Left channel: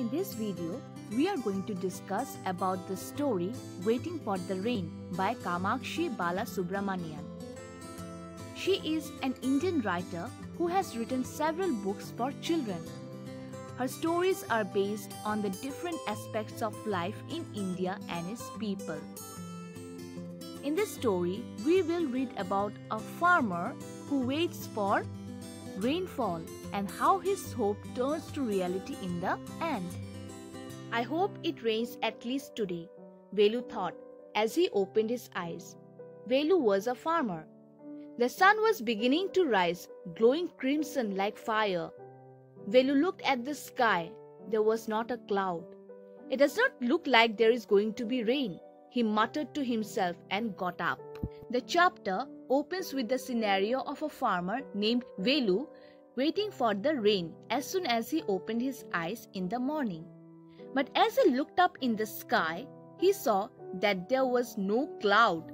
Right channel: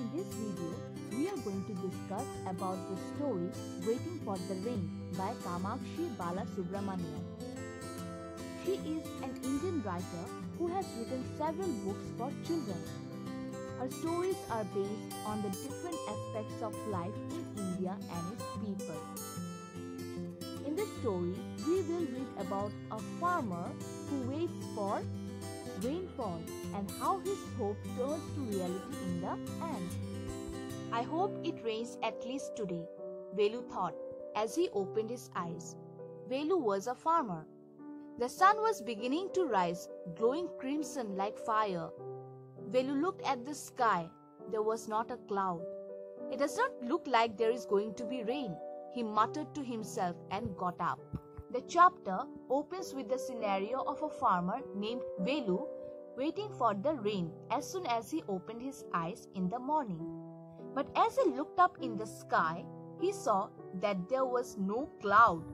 In this video, we are going to discuss about the story Waiting for the Rain by Kamakshi Balasubramanian. She is an Indian writer who has written several books for children. Her stories are based on the different aspects of life in India and its people. In this story, we will read about a farmer who waits for rainfall and how his hope turns to reality in the end. I hope it rains at least today, Velu thought as he opened his eyes. Velu was a farmer. The sun was beginning to rise, glowing crimson like fire. Velu looked at the sky. There was not a cloud. It does not look like there is going to be rain, he muttered to himself and got up. The chapter opens with the scenario of a farmer named Velu waiting for the rain as soon as he opened his eyes in the morning. But as he looked up in the sky, he saw that there was no cloud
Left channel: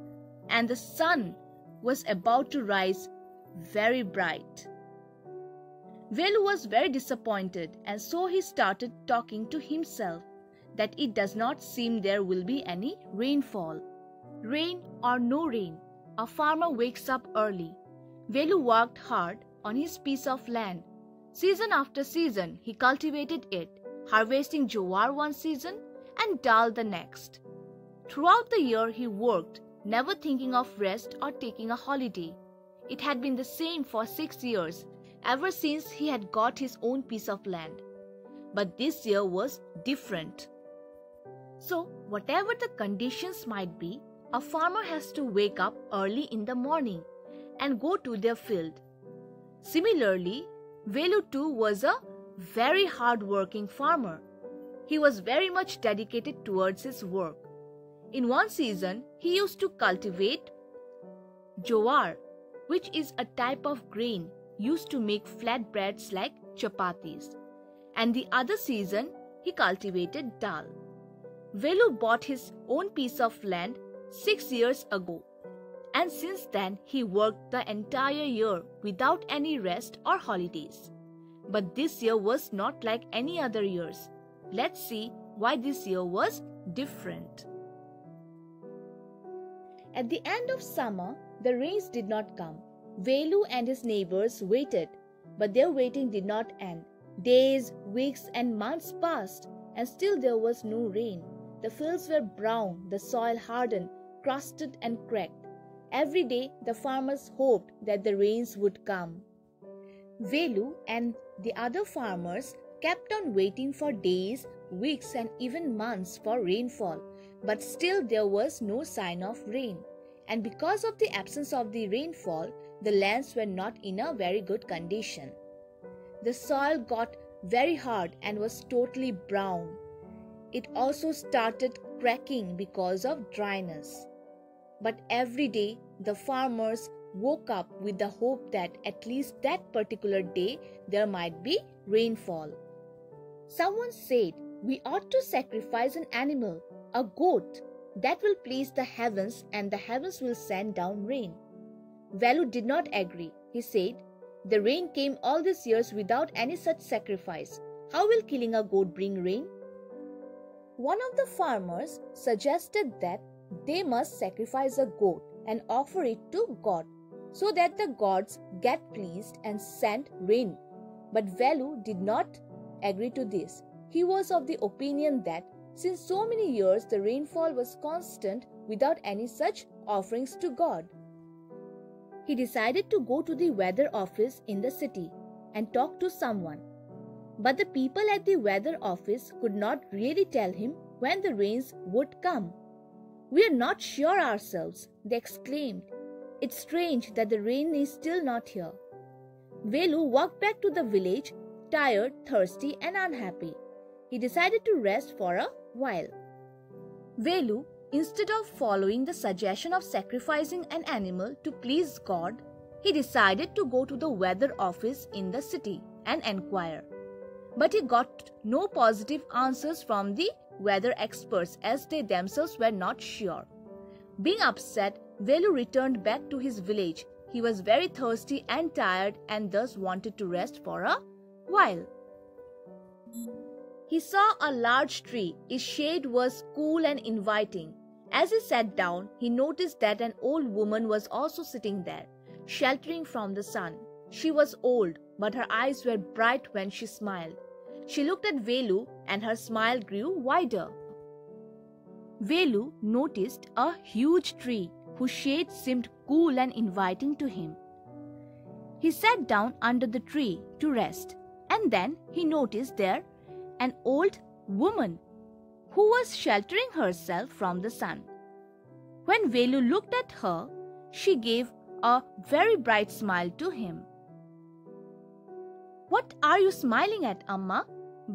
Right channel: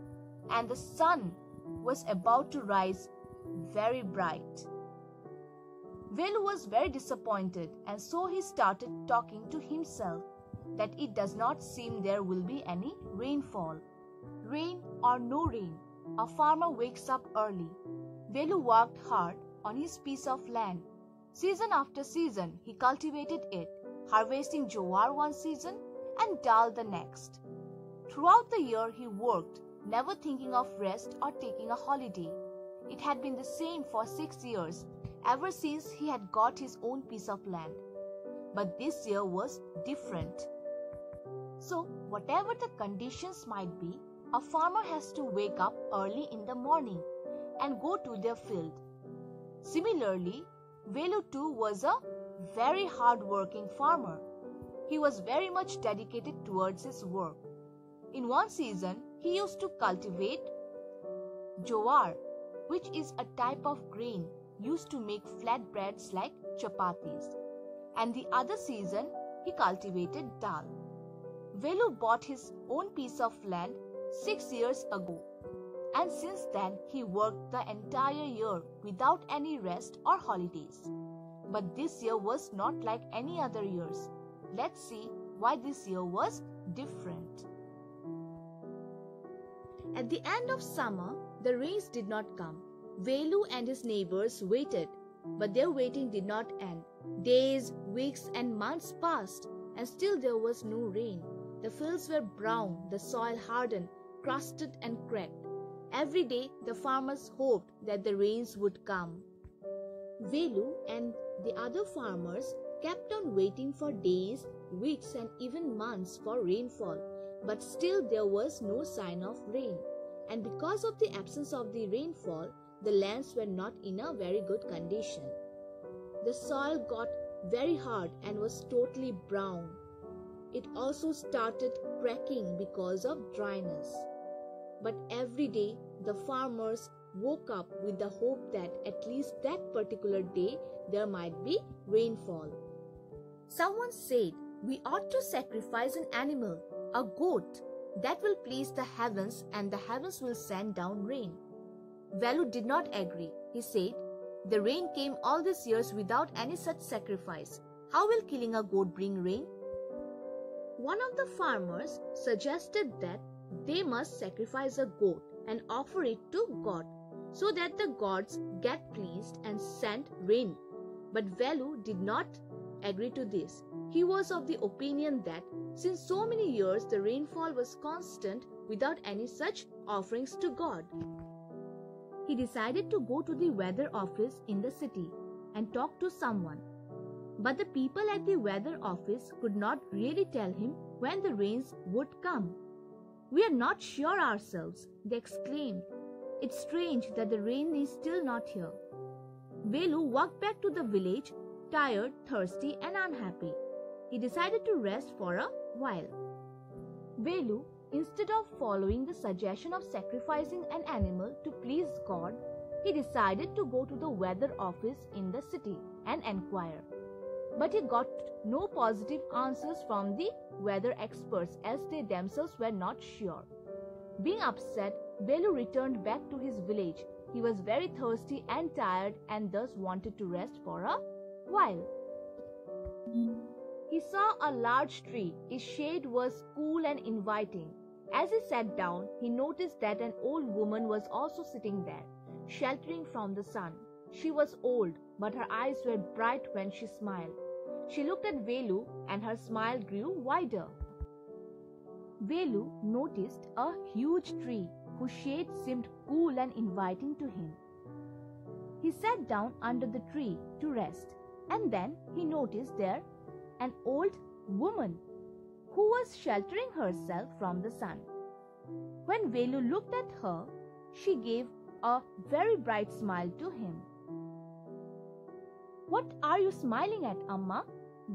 and the sun was about to rise very bright. Velu was very disappointed, and so he started talking to himself that it does not seem there will be any rainfall. Rain or no rain, a farmer wakes up early. Velu worked hard on his piece of land. Season after season, he cultivated it, harvesting jowar one season and dal the next. Throughout the year, he worked, never thinking of rest or taking a holiday. It had been the same for 6 years, ever since he had got his own piece of land. But this year was different. So, whatever the conditions might be, a farmer has to wake up early in the morning and go to their field. Similarly, Velu too was a very hard-working farmer. He was very much dedicated towards his work. In one season, he used to cultivate jowar, which is a type of grain used to make flatbreads like chapatis. And the other season, he cultivated dal. Velu bought his own piece of land 6 years ago. And since then, he worked the entire year without any rest or holidays. But this year was not like any other years. Let's see why this year was different. At the end of summer, the rains did not come. Velu and his neighbors waited, but their waiting did not end. Days, weeks, and months passed, and still there was no rain. The fields were brown, the soil hardened, crusted, and cracked. Every day, the farmers hoped that the rains would come. Velu and the other farmers kept on waiting for days, weeks, and even months for rainfall, but still there was no sign of rain. And because of the absence of the rainfall, the lands were not in a very good condition. The soil got very hard and was totally brown. It also started cracking because of dryness. But every day, the farmers woke up with the hope that at least that particular day there might be rainfall. Someone said, "We ought to sacrifice an animal, a goat. That will please the heavens and the heavens will send down rain." Velu did not agree. He said, "The rain came all these years without any such sacrifice. How will killing a goat bring rain?" One of the farmers suggested that they must sacrifice a goat and offer it to God so that the gods get pleased and send rain. But Velu did not agree to this. He was of the opinion that since so many years the rainfall was constant without any such offerings to God. He decided to go to the weather office in the city and talk to someone. But the people at the weather office could not really tell him when the rains would come. "We are not sure ourselves," they exclaimed. "It's strange that the rain is still not here." Velu walked back to the village, tired, thirsty, and unhappy. He decided to rest for a while. Velu, instead of following the suggestion of sacrificing an animal to please God, he decided to go to the weather office in the city and inquire. But he got no positive answers from the weather experts as they themselves were not sure. Being upset, Velu returned back to his village. He was very thirsty and tired and thus wanted to rest for a while. He saw a large tree. Its shade was cool and inviting. As he sat down, he noticed that an old woman was also sitting there, sheltering from the sun. She was old, but her eyes were bright when she smiled. She looked at Velu and her smile grew wider. Velu noticed a huge tree whose shade seemed cool and inviting to him. He sat down under the tree to rest, and then he noticed there an old woman who was sheltering herself from the sun. When Velu looked at her, she gave a very bright smile to him. "What are you smiling at, Amma?"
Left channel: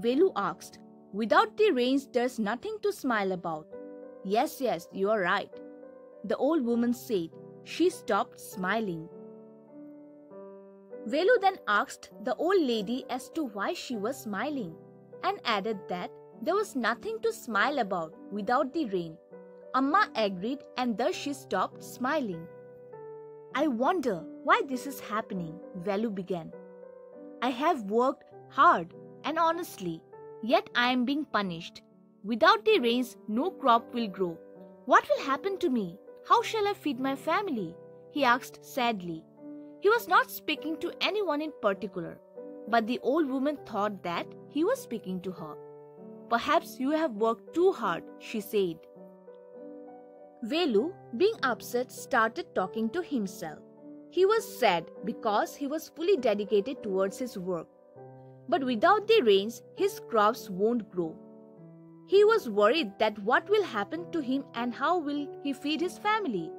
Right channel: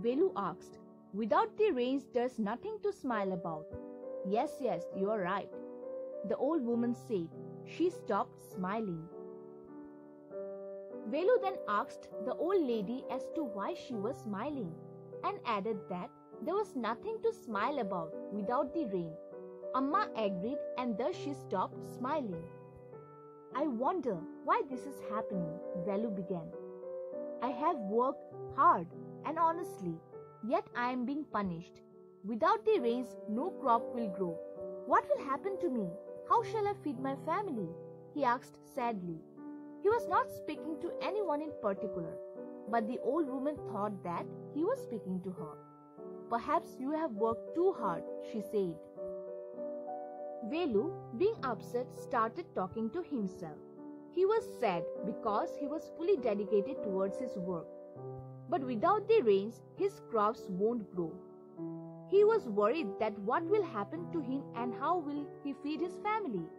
Velu asked. "Without the rains, there's nothing to smile about." Yes, you are right," the old woman said. She stopped smiling. Velu then asked the old lady as to why she was smiling, and added that there was nothing to smile about without the rain. Amma agreed, and thus she stopped smiling. "I wonder why this is happening," Velu began. "I have worked hard and honestly, yet I am being punished. Without the rains, no crop will grow. What will happen to me? How shall I feed my family?" he asked sadly. He was not speaking to anyone in particular, but the old woman thought that he was speaking to her. "Perhaps you have worked too hard," she said. Velu, being upset, started talking to himself. He was sad because he was fully dedicated towards his work. But without the rains, his crops won't grow. He was worried that what will happen to him and how will he feed his family.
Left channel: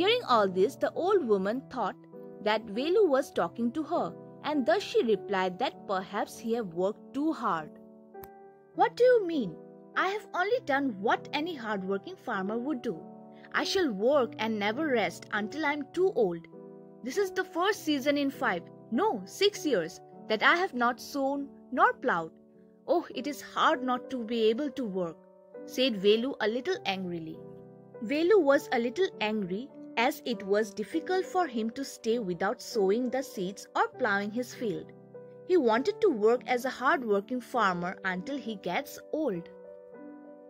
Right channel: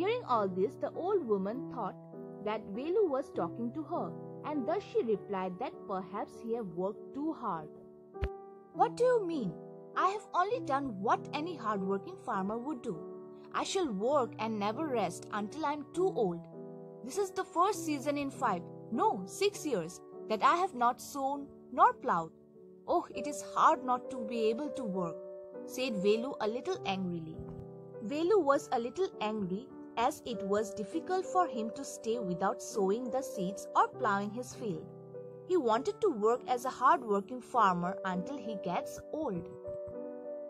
Hearing all this, the old woman thought that Velu was talking to her, and thus she replied that perhaps he had worked too hard. "What do you mean? I have only done what any hard-working farmer would do. I shall work and never rest until I am too old. This is the first season in 6 years that I have not sown nor plowed. Oh, it is hard not to be able to work," said Velu a little angrily. Velu was a little angry as it was difficult for him to stay without sowing the seeds or plowing his field. He wanted to work as a hard-working farmer until he gets old.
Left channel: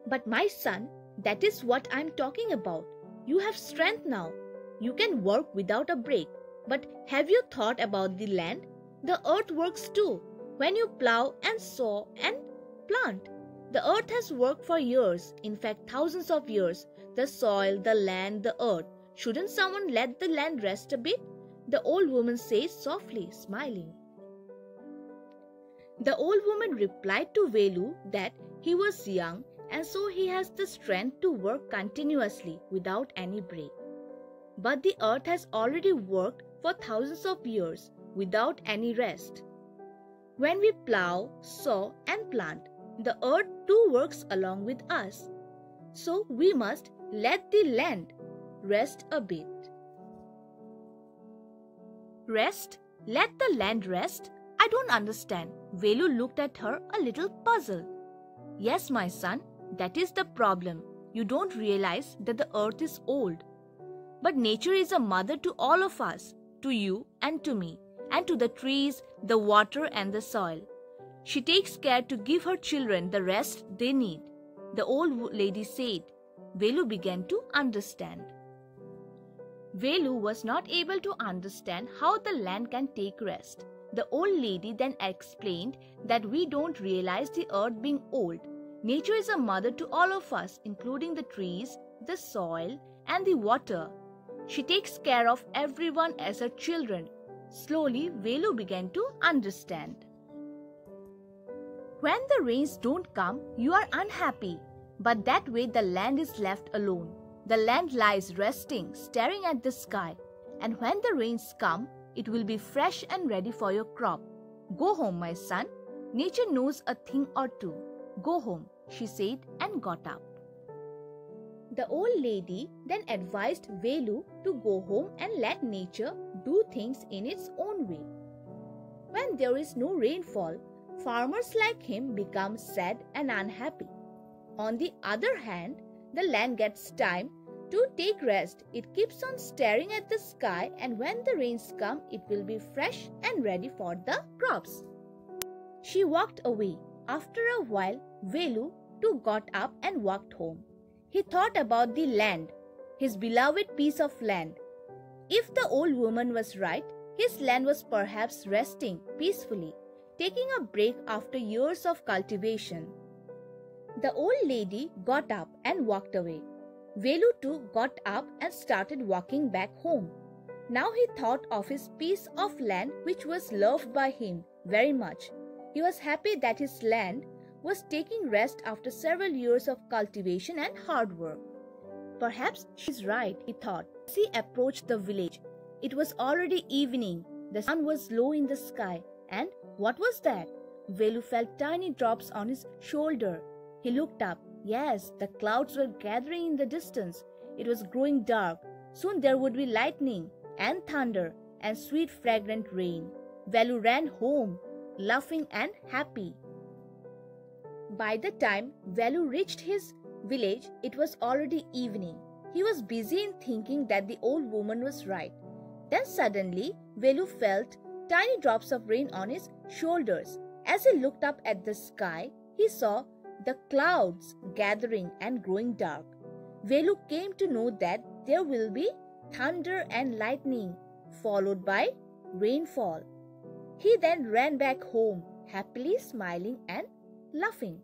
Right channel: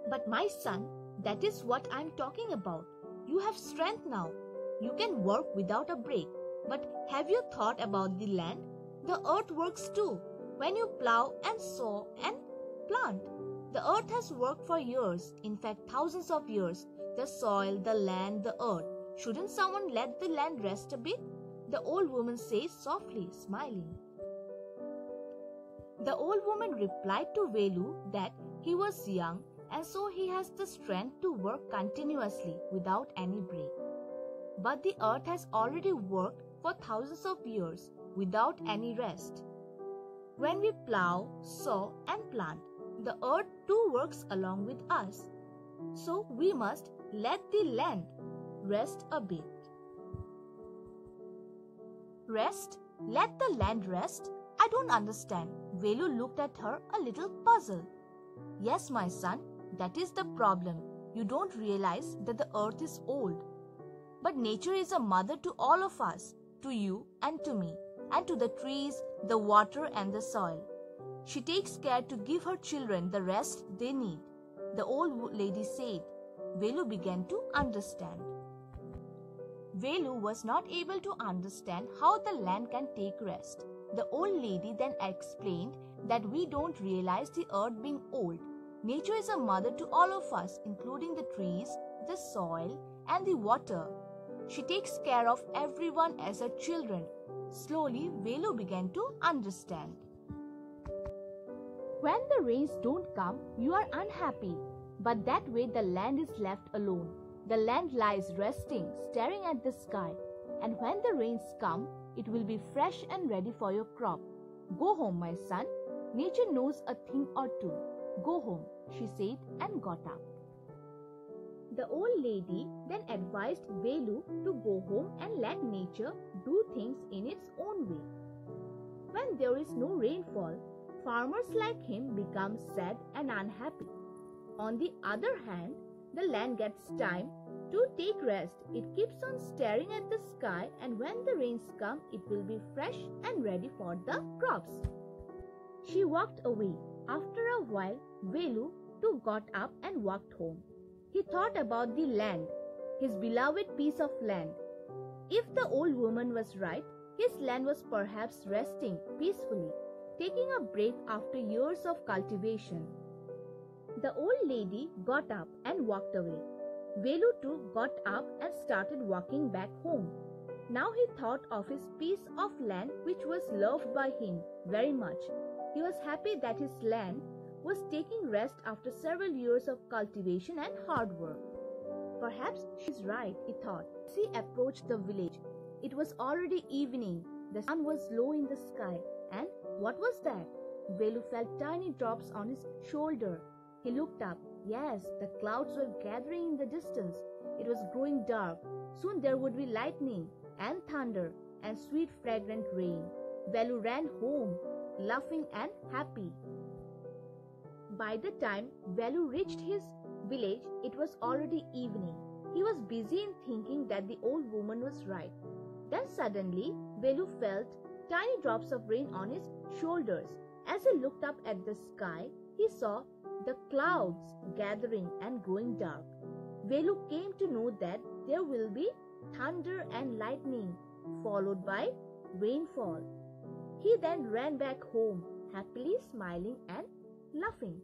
"But my son, that is what I am talking about. You have strength now. You can work without a break. But have you thought about the land? The earth works too. When you plow and sow and plant, the earth has worked for years, in fact thousands of years. The soil, the land, the earth. Shouldn't someone let the land rest a bit?" the old woman said softly, smiling. The old woman replied to Velu that he was young and so he has the strength to work continuously without any break. But the earth has already worked for thousands of years without any rest. When we plow, sow and plant, the earth too works along with us. So we must let the land rest a bit. "Rest? Let the land rest? I don't understand." Velu looked at her a little puzzled. "Yes, my son, that is the problem. You don't realize that the earth is old. But nature is a mother to all of us, to you and to me, and to the trees, the water and the soil. She takes care to give her children the rest they need," the old lady said. Velu began to understand. Velu was not able to understand how the land can take rest. The old lady then explained that we don't realize the earth being old. Nature is a mother to all of us, including the trees, the soil, and the water. She takes care of everyone as her children. Slowly, Velu began to understand. When the rains don't come, you are unhappy. But that way the land is left alone. The land lies resting, staring at the sky. And when the rains come, it will be fresh and ready for your crop. Go home, my son. Nature knows a thing or two. Go home, she said and got up. The old lady then advised Velu to go home and let nature do things in its own way. When there is no rainfall, farmers like him become sad and unhappy. On the other hand, the land gets time to take rest. It keeps on staring at the sky, and when the rains come, it will be fresh and ready for the crops. She walked away, After a while, Velu too got up and walked home. He thought about the land, his beloved piece of land. If the old woman was right, his land was perhaps resting peacefully, taking a break after years of cultivation. The old lady got up and walked away. Velu too got up and started walking back home. Now he thought of his piece of land which was loved by him very much. He was happy that his land was taking rest after several years of cultivation and hard work. Perhaps she's right, he thought. As he approached the village, it was already evening. The sun was low in the sky. And what was that? Velu felt tiny drops on his shoulder. He looked up. Yes, the clouds were gathering in the distance. It was growing dark. Soon there would be lightning and thunder and sweet fragrant rain. Velu ran home, laughing and happy. By the time Velu reached his village, it was already evening. He was busy in thinking that the old woman was right. Then suddenly, Velu felt tiny drops of rain on his shoulders. As he looked up at the sky, he saw the clouds gathering and growing dark. Velu came to know that there will be thunder and lightning, followed by rainfall. He then ran back home, happily smiling and laughing.